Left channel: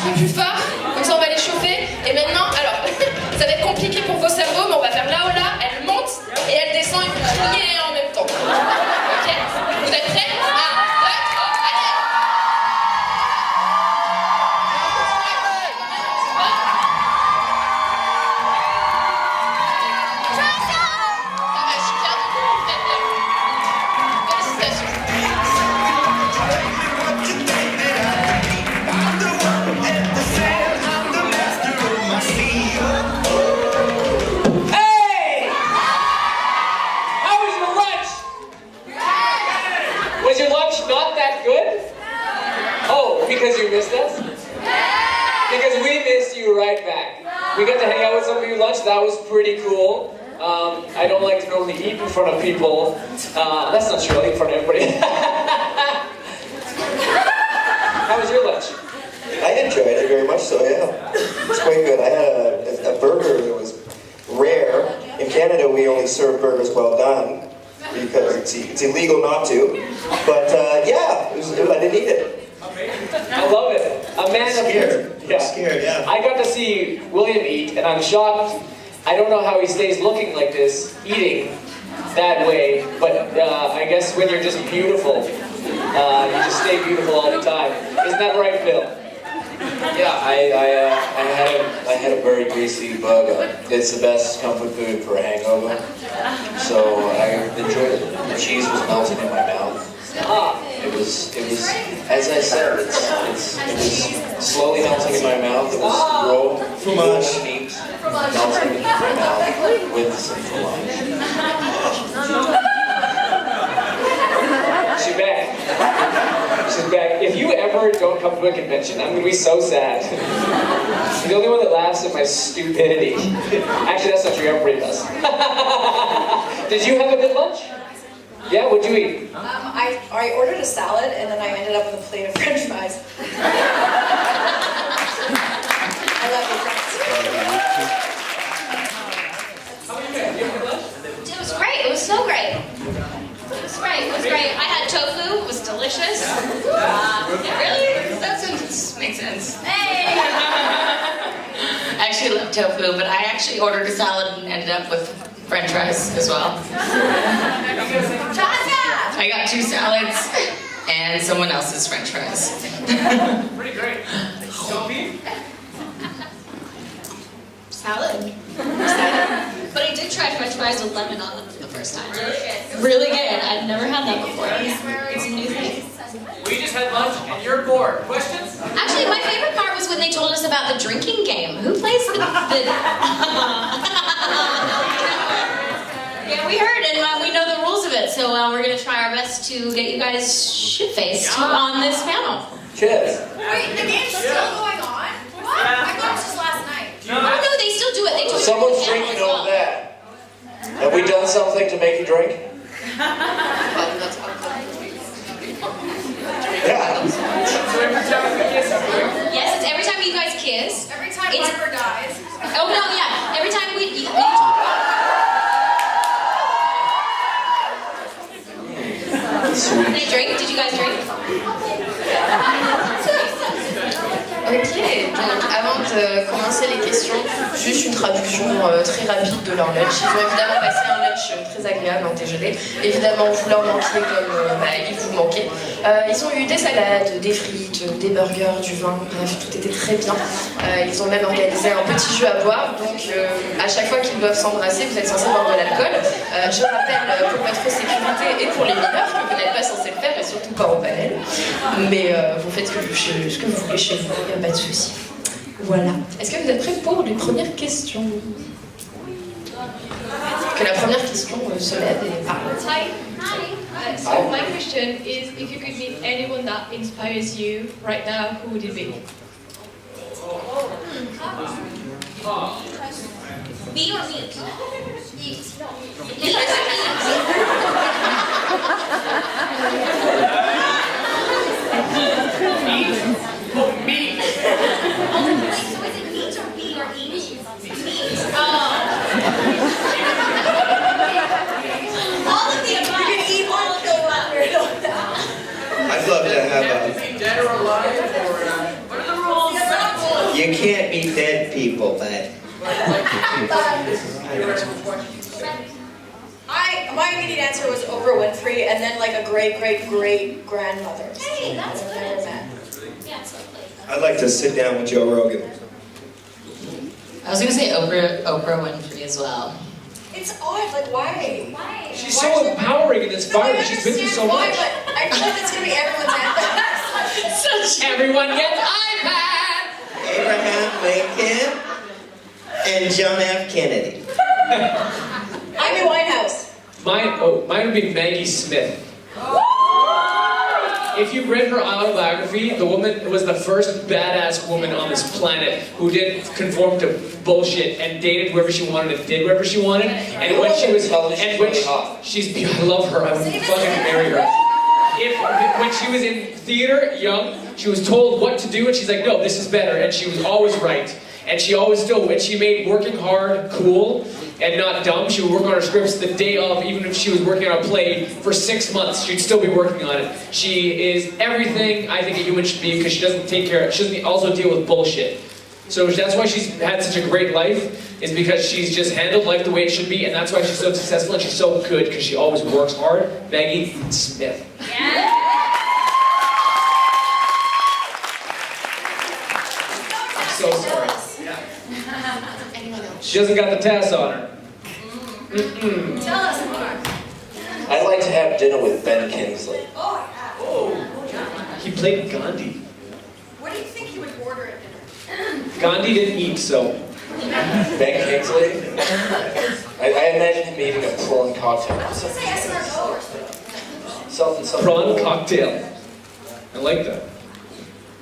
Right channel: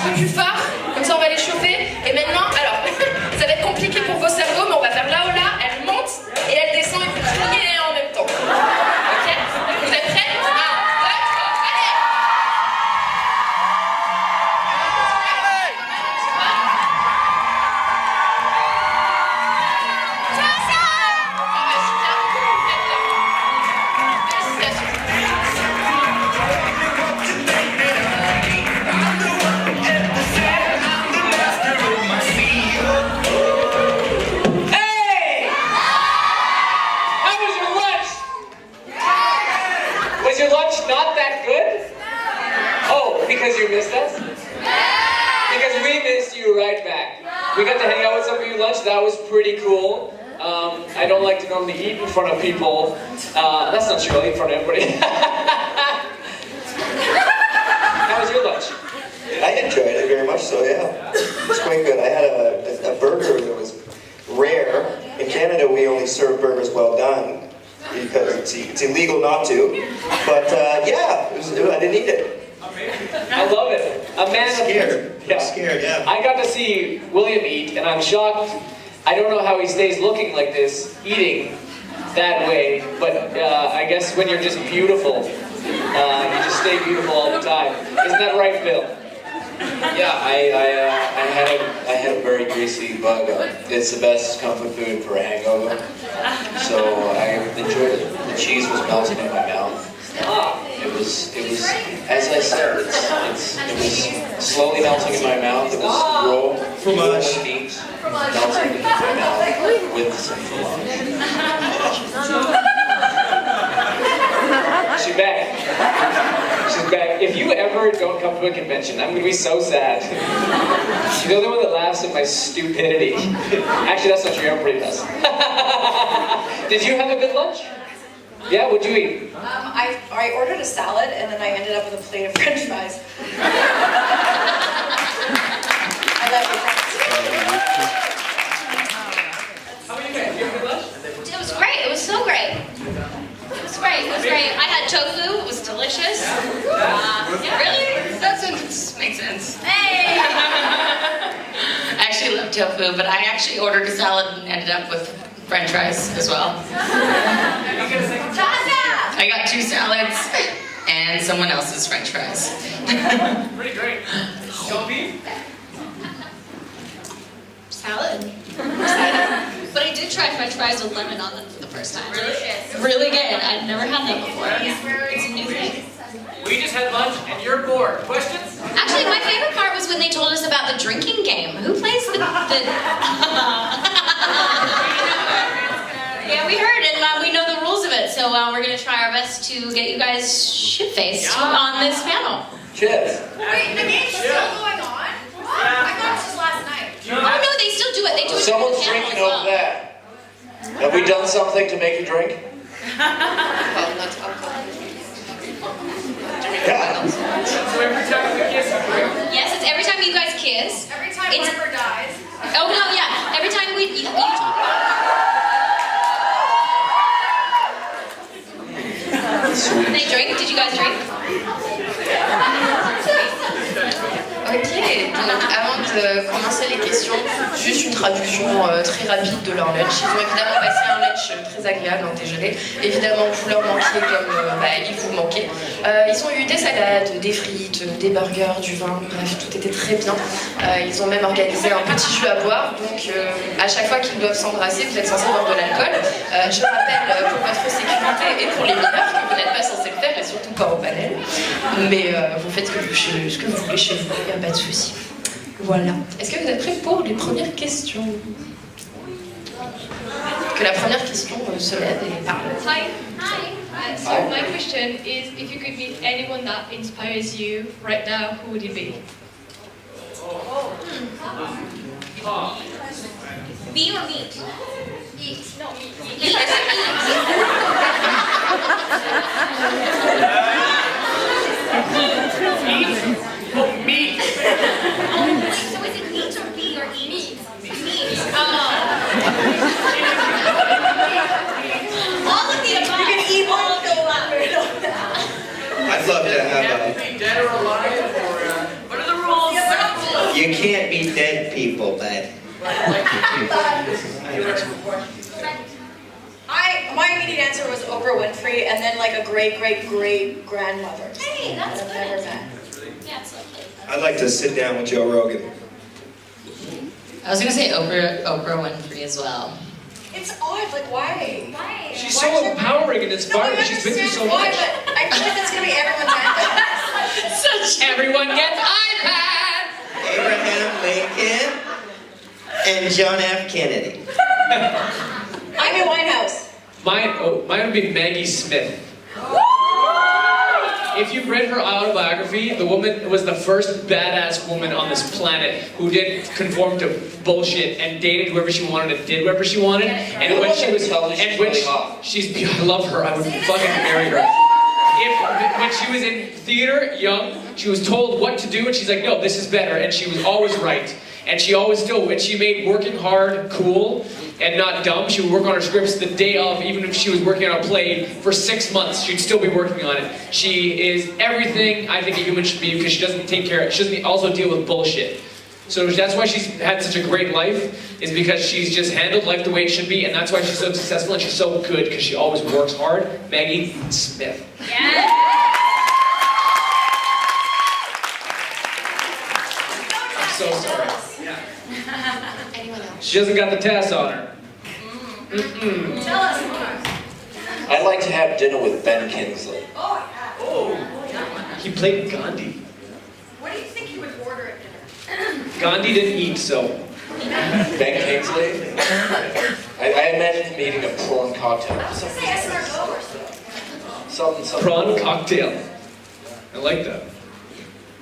petit peu plus fort, comme ça on va les chauffer. Et maintenant, alors, ça va être compliqué pour vos cerveaux, mais on va faire là ou là, elle monte et elle descend et vous criez en même temps. Ok? Vous êtes prêts? We got to hang out with some of you lunch. That was pretty cool. I don't like to normally eat in front of people. That's not true. I'll eat in front of everybody. How was your lunch? I enjoyed it very much so, yeah. It's quite good. I had a burger that was rare. In Canada, we only serve burgers well done because it's illegal not to. But yeah, I didn't eat it. I love it. A man of scared. Yeah. Scared, yeah. I got to see William eat, and I'm shocked. I don't know how he stays looking like this, eating that way, but I guess when you're just beautiful, you just stay beautiful all the time. Isn't that right, Phil? Yeah, I had a very greasy bug. It's the best comfort food for a hangover. So I enjoyed it. The cheese was melting in my mouth. It was, as I said, it was slowly melting in my mouth. It was raw meat melting in my mouth with some fromage. She's back. She's back. If you ever don't come to a convention, I'm going to be so sad. She's the only one that laughs at my stupidity. Actually, that's not true. Everybody does. Did you have a good lunch? Yeah, what'd you eat? I ordered a salad and then I ended up with a plate of French fries. I like it. How about you guys? Did you have a good lunch? It was great. It was so great. It was great. It was great. I had tofu. It was delicious. Really? That makes sense. Hey! I actually love tofu, but I actually ordered a salad and ended up with French fries as well. Tasya! I got 2 salads and someone else's French fries. Pretty great. Genevieve? Salad. But I did try French fries with lemon on them for the first time. Really good. Really good. I've never had that before. It's a new thing. We just had lunch and you're bored. Questions? Actually, my favorite part was when they told us about the drinking game. Who plays the Yeah, we heard, and we know the rules of it, so we're going to try our best to get you guys shit-faced on this panel. Cheers. Wait, the game's still going on? What? I thought it was just last night. Oh, no, they still do it. They do it. Someone's drinking over there. Have we done something to make you drink? So every time we kiss, you drink? Yes, it's every time you guys kiss. Every time Harper dies. Oh, no, yeah. Every time we They drink? Did you guys drink? Ok, donc avant de commencer les questions, juste une traduction très rapide de leur lunch. Ils ont évidemment passé un lunch très agréable en TGV. Évidemment, vous leur manquiez comme ils vous manquaient. Ils ont eu des salades, des frites, des burgers, du vin, bref, tout était très bien. Ils ont même organisé un petit jus à boire, donc à chaque fois qu'ils doivent s'embrasser, vous êtes censé boire de l'alcool. Je rappelle pour votre sécurité et pour les mineurs que vous n'êtes pas censé le faire, et surtout pas au panel. Mais vous faites ce que vous voulez chez vous, il n'y a pas de souci. Voilà. Est-ce que vous êtes prêts pour les premières questions? Que la première question se lève et parle. Hi. So my question is, if you could meet anyone that inspires you right now, who would it be? Me or meat? Eat. No, eat. Eat. Oh, meat. Oh, wait, so is it meat or meat or eat? Meat. All of the above. You can eat all of the above. I'd love to Does it have have to be dead or alive, or what are the rules? My immediate answer was Oprah Winfrey, and then like a great grandmother. Hey, that's I've never good. met. Yeah, it's lovely. I'd like to sit down with Joe Rogan. I was gonna say Oprah Winfrey as well. It's odd, like why? Why? She's so empowering and inspiring. She's been through so Why, much. but I feel like that's gonna be everyone's answer. Such everyone gets iPads! Abraham Lincoln and John F. Kennedy. Amy Winehouse. Mine would be Maggie Smith. If you've read her autobiography, the woman was the first badass woman on this planet who didn't conform to bullshit and dated whoever she wanted and did whatever she wanted. And when she was, I love her. I would fucking marry her. When she was in theater, young, she was told what to do, and she's like, no, this is better, and she was always right. And she always still, when she made working hard cool and not dumb, she would work on her scripts the day of, even if she was working on a play for 6 months, she'd still be working on it. She is everything I think a human should be, because she doesn't take care, she doesn't also deal with bullshit. So that's why she's had such a great life, is because she's just handled life the way it should be, and that's why she's so successful and she's so good, because she always works hard. Maggie Smith. Yeah. I'm so sorry. She doesn't got the tass on her. Mm-mm. Tell us more. I'd like to have dinner with Ben Kingsley. Oh, yeah. He played Gandhi. What do you think you would order at dinner? Gandhi didn't eat, so. Ben Kingsley? I imagine him eating a prawn cocktail. I was going to say escargot or something. Something. Prawn cocktail. I like that.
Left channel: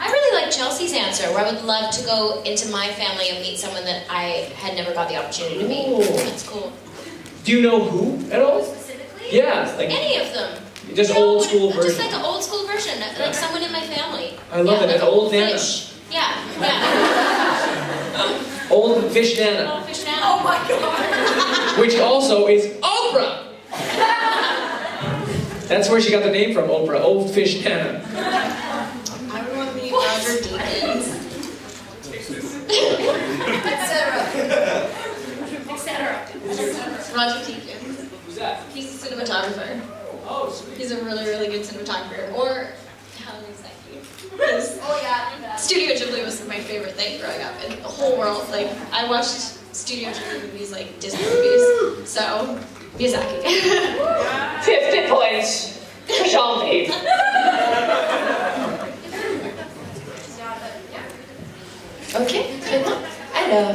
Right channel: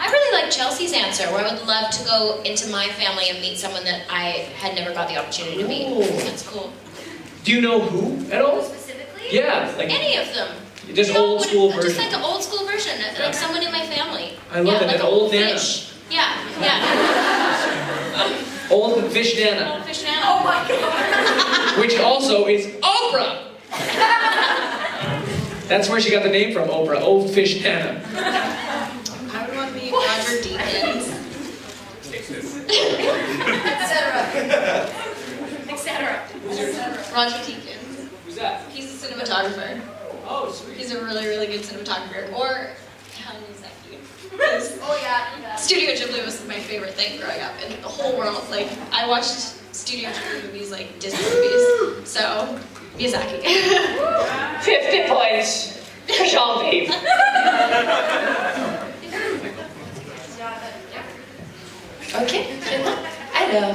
I really like Chelsea's answer, where I would love to go into my family and meet someone that I had never got the opportunity to meet. Ooh. That's cool. Do you know who at all? Specifically? Yeah, like Any of them. just You know, old school Just version. like an old school version, like someone in my family. I love it, like an old Nana. fish. Yeah. Old fish Nana, Old fish now. Oh my god. which also is Oprah. That's where she got the name from, Oprah. Old fish Nana. I would want to meet Roger Deakins. Etc. Roger Deakins. Who's that? He's a cinematographer. Oh, sweet. He's a really, really good cinematographer. Or, how is that cute? Oh yeah. Studio Ghibli was my favorite thing growing up in the whole world. Like, I watched Studio Ghibli movies like Disney movies. So, Miyazaki. 50 points to Genevieve. Ok, très bien. Alors,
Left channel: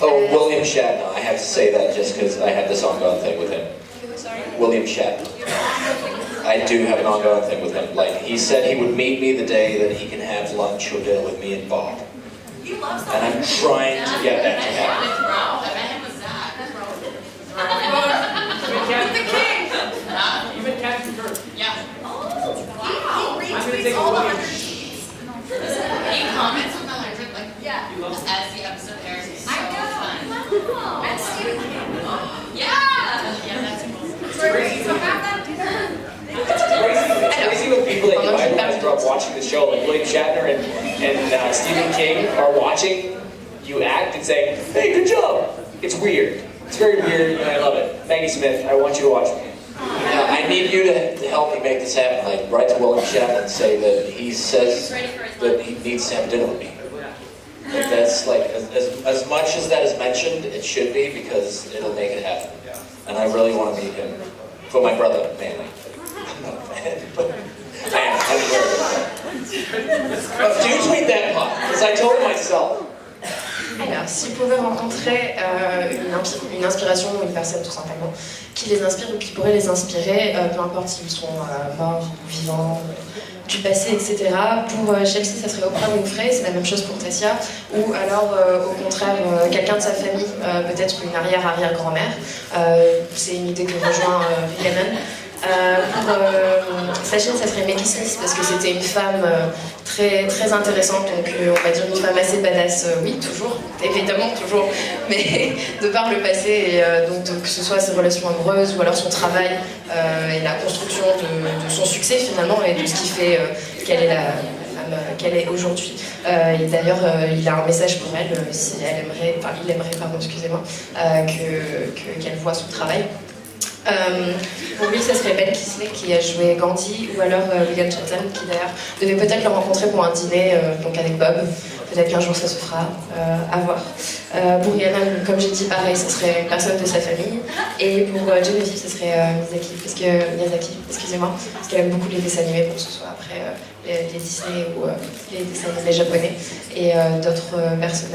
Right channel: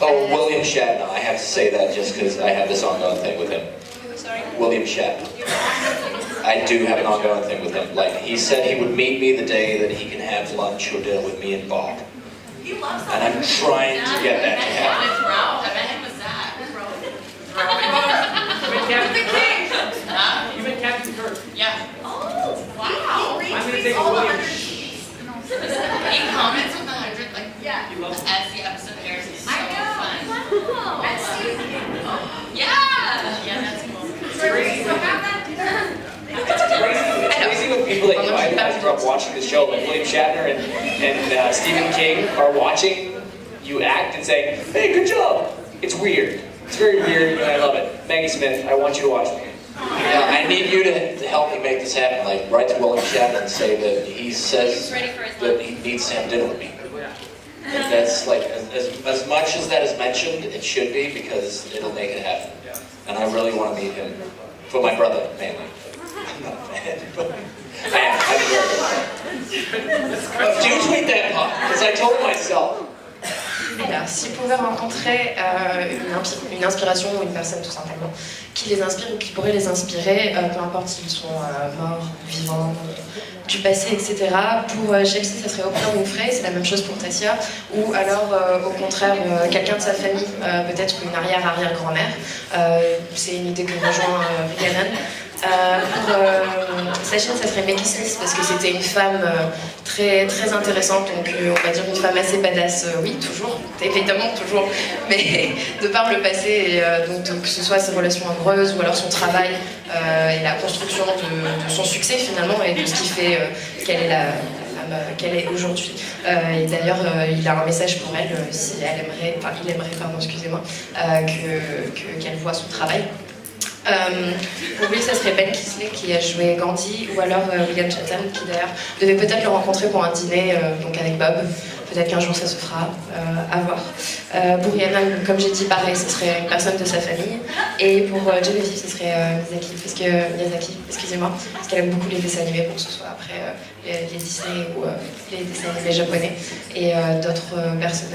Oh, William Shatner. I have to say that just because I have this ongoing thing with him. William Shatner. I do have an ongoing thing with him. Like, he said he would meet me the day that he can have lunch or dinner with me and Bob. He loves And that. I'm trying to get that to happen. With Ralph. I met him with Zach. The king. You've been Captain Kirk. Yeah. Oh, wow. He I'm gonna retweets take a all the William. 100 tweets. He comments on the 100, like, Yeah. He loves it. as the episode airs. It's so I know. Wow. And Stephen King. Yeah. Yeah, that's cool. So have that dinner. It's crazy when people that you idolize grow up watching the show, like William Shatner and Stephen King are watching you act and saying, hey, good job. It's weird. It's very weird, and I love it. Maggie Smith, I want you to watch it. Now, I need you to help me make this happen. Like, write to William Shatner and say that he says that he needs to have dinner with me. And that's like, as much as that is mentioned, it should be, because it'll make it happen. And I really want to meet him. For my brother, man. Not man, but man, do you tweet that part? Because I told myself. alors, s'ils pouvaient rencontrer une inspiration ou une personne tout simplement qui les inspire ou qui pourrait les inspirer, peu importe s'ils sont morts, vivants, du passé, etc. Pour Chelsey, ça serait Oprah Winfrey, c'est la même chose pour Tasya, ou alors au contraire quelqu'un de sa famille, peut-être une arrière-arrière-grand-mère. C'est une idée que rejoint Rhiannon. Pour Sachin, ça serait Maggie Smith parce que c'était une femme très, très intéressante, donc on va dire une femme assez badass, oui, toujours, évidemment, toujours, mais de par le passé, et donc que ce soit ses relations amoureuses ou alors son travail et la construction de son succès finalement et de ce qui fait qu'elle est la femme qu'elle est aujourd'hui. Et d'ailleurs, il a un message pour elle, si elle aimerait, enfin il aimerait, pardon, excusez-moi, qu'elle voit son travail. Pour lui, ça serait Ben Kingsley qui a joué Gandhi, ou alors William Shatner qui d'ailleurs devait peut-être le rencontrer pour un dîner donc avec Bob. Peut-être qu'un jour ça se fera, à voir. Pour Rhiannon, comme j'ai dit, pareil, ce serait une personne de sa famille. Et pour Genevieve, ce serait Miyazaki, excusez-moi, parce qu'elle aime beaucoup les dessins animés, que ce soit après les Disney ou les dessins animés japonais, et d'autres personnes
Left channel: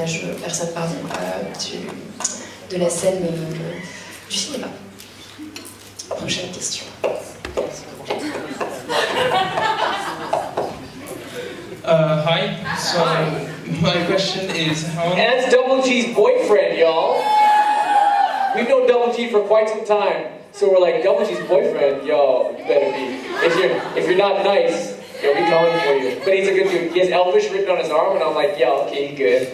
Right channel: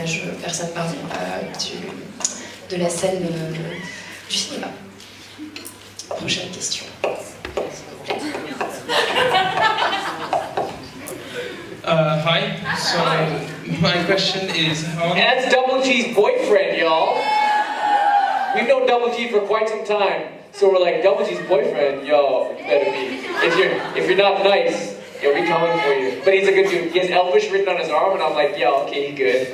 de la scène du cinéma. Prochaine question. Hi. So my question is how. And that's Double G's boyfriend, y'all. We've known Double G for quite some time, so we're like, Double G's boyfriend, y'all better be. If you're not nice, he'll be coming for you. But he's a good dude. He has Elvish written on his arm, and I'm like, yeah, okay, he good.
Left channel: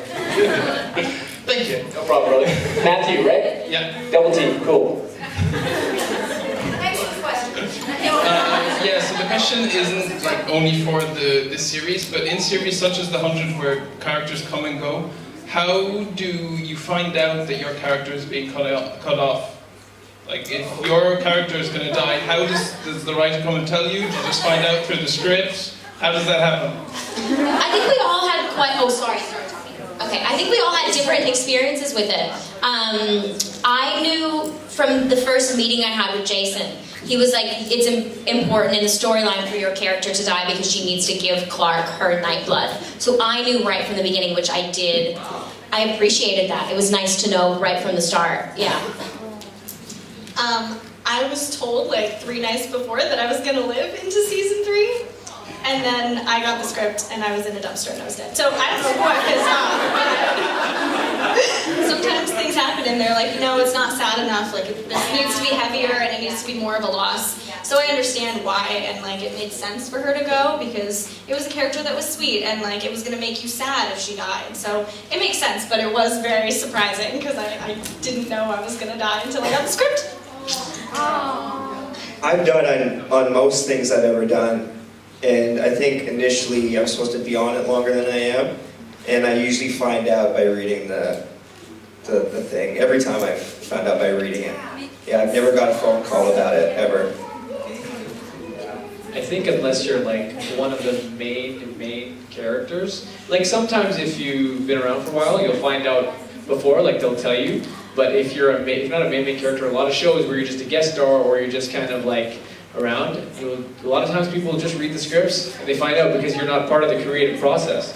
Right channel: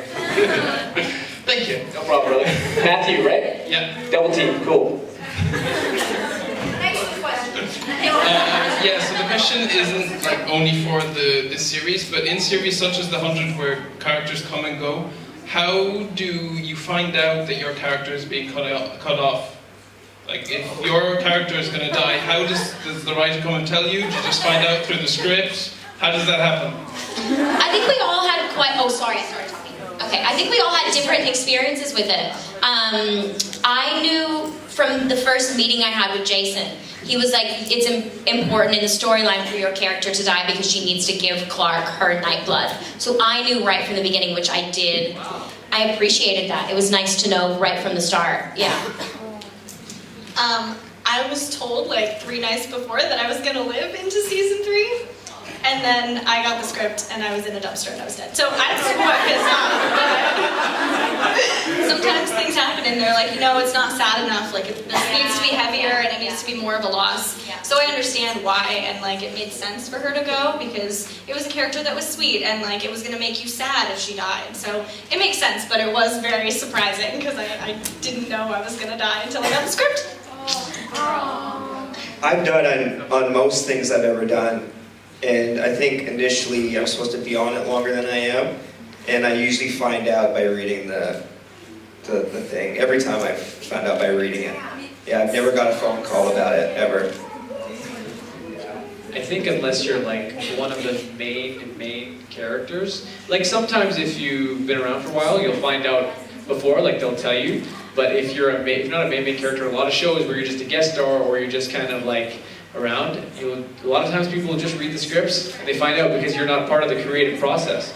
Thank you. No problem, brother. Matthew, right? Yeah. Double G, cool. Yeah, so the question isn't like only for this series, but in series such as The 100 where characters come and go, how do you find out that your character is being cut off? Like, if your character is going to die, how does the writer come and tell you? Do you just find out through the script? How does that happen? I think we all had I started talking. Okay, I think we all had different experiences with it. I knew from the first meeting I had with Jason, he was like, it's important in the storyline for your character to die because she needs to give Clark her nightblood. So I knew right from the beginning, which I did. I appreciated that. It was nice to know right from the start. Yeah. I was told like 3 nights before that I was going to live into season 3. And then I got the script and I was in a dumpster and I was dead. So I don't know what is sometimes things happen and they're like, no, it's not sad enough. Like this needs to be heavier and it needs to be more of a loss. So I understand why, and like it made sense for her to go because it was a character that was sweet and like it was gonna make you sad if she died. So it makes sense, but it was very surprising because I didn't know I was gonna die until I got the script. I've done on most things I've ever done. And I think initially I'm supposed to be on it longer than I am, and I usually find out by reading the thing. Every time I've found out by reading it. Yeah, I've never got a phone call about it, ever. I think unless you're like one of the main characters, like sometimes if you've been around for a while, you'll find out before, like they'll tell you. But if you're not a main character, a lot of shows where you're just a guest star or you're just kind of like around, a lot of times people will just read the scripts and they find out because you're not part of the creative process.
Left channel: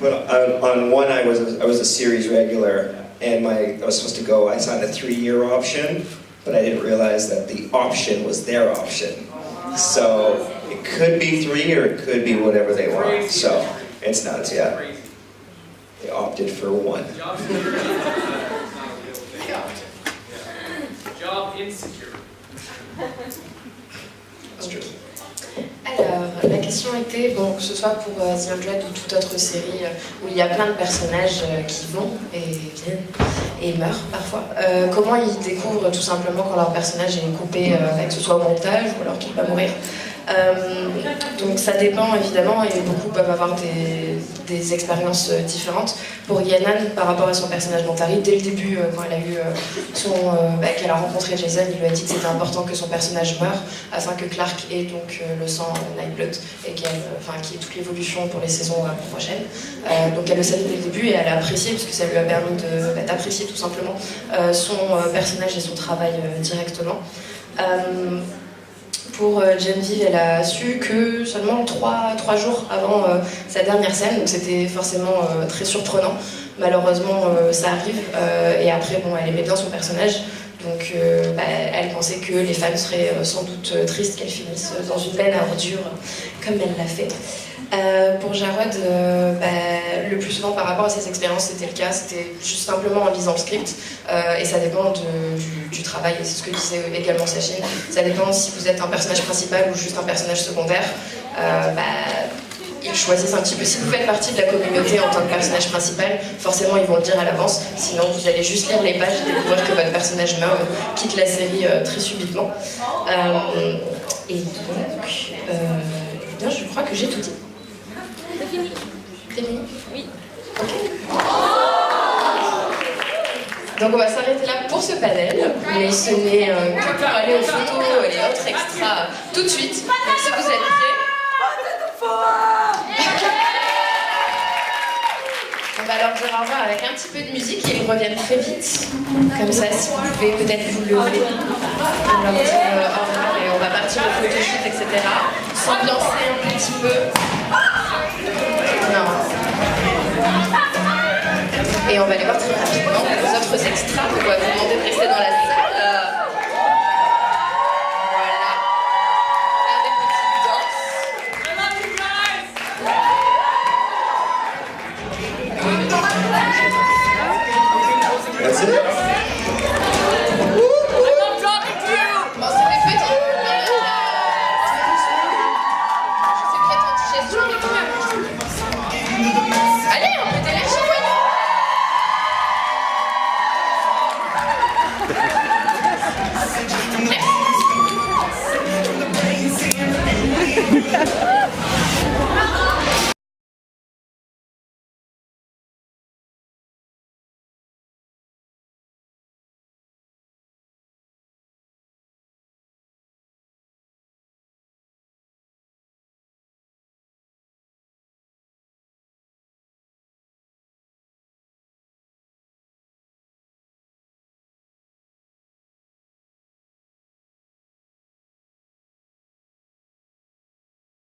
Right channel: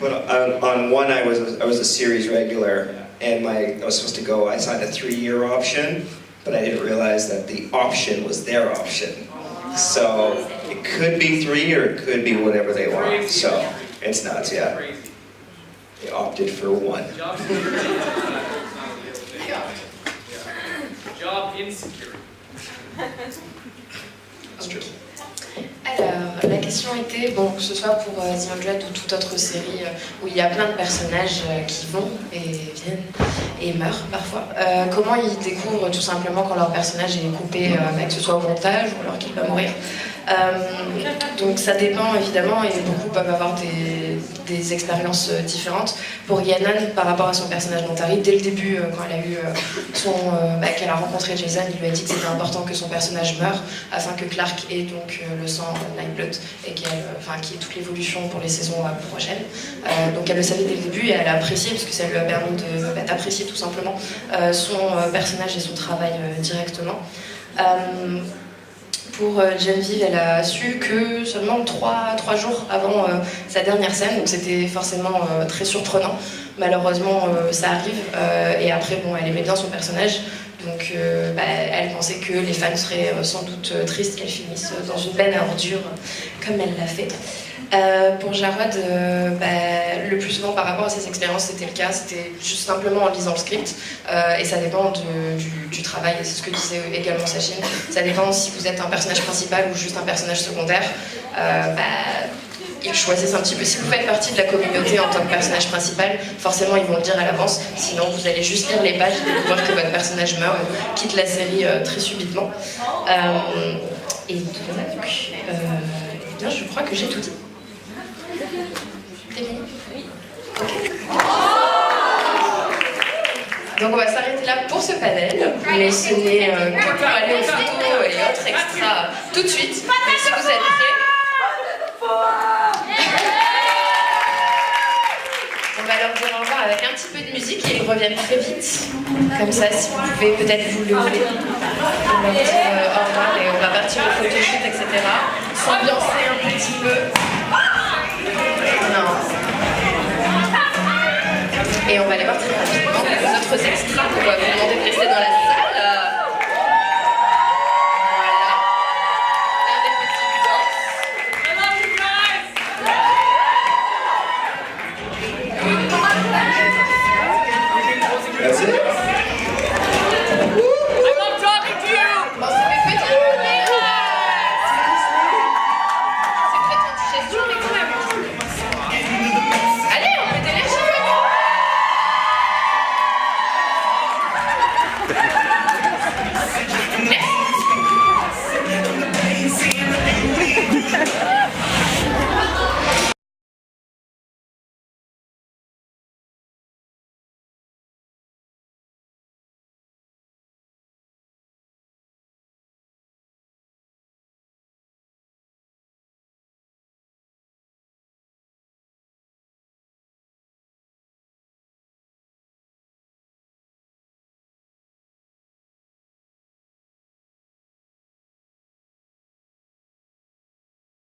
But on one, I was a series regular, and I was supposed to go. I signed a 3-year option, but I didn't realize that the option was their option. So it could be 3 or it could be whatever they want. So it's nuts, yeah. They opted for 1. Job security is not a real thing. Job insecurity. Alors, la question était, bon, que ce soit pour The 100 ou toute autre série où il y a plein de personnages qui vont et viennent et meurent parfois, comment ils découvrent tout simplement quand leur personnage est coupé, que ce soit au montage ou alors qu'il va mourir. Donc ça dépend évidemment, et beaucoup peuvent avoir des expériences différentes. Pour Rhiannon, par rapport à son personnage Montari, dès le début, quand elle a eu qu'elle a rencontré Jason, il lui a dit que c'était important que son personnage meure afin que Clark ait donc le sang Nightblood et qu'il y ait toute l'évolution pour les saisons prochaines. Donc elle le savait dès le début et elle a apprécié, parce que ça lui a permis d'apprécier tout simplement son personnage et son travail directement. Pour Genevieve, elle a su que seulement 3 jours avant sa dernière scène, donc c'était forcément très surprenant. Malheureusement, ça arrive, et après, elle aimait bien son personnage, donc elle pensait que les fans seraient sans doute tristes qu'elle finisse dans une benne à ordures, comme elle l'a fait. Pour Jarod, le plus souvent par rapport à ses expériences, c'était le cas, c'était juste simplement en lisant le script, et ça dépend du travail, et c'est ce que disait également Sachin, ça dépend si vous êtes un personnage principal ou juste un personnage secondaire. Ils choisissent un petit peu, si vous faites partie de la communauté en tant que personnage principal, forcément ils vont le dire à l'avance, sinon vous allez juste lire les pages et découvrir que votre personnage meurt, quitte la série très subitement. Et donc, je crois que j'ai tout dit. T'es bon? Oui. Ok. Donc on va s'arrêter là pour ce panel, mais ce n'est que pour aller aux photos et autres extra tout de suite. Donc si vous êtes prêts, on va leur dire au revoir avec un petit peu de musique et ils reviennent très vite. Comme ça, si vous pouvez peut-être vous lever, on va dire au revoir et on va partir au photoshoot, etc. S'ambiancer un petit peu. Non. Et on va aller voir très rapidement les autres extras. On va vous demander de rester dans la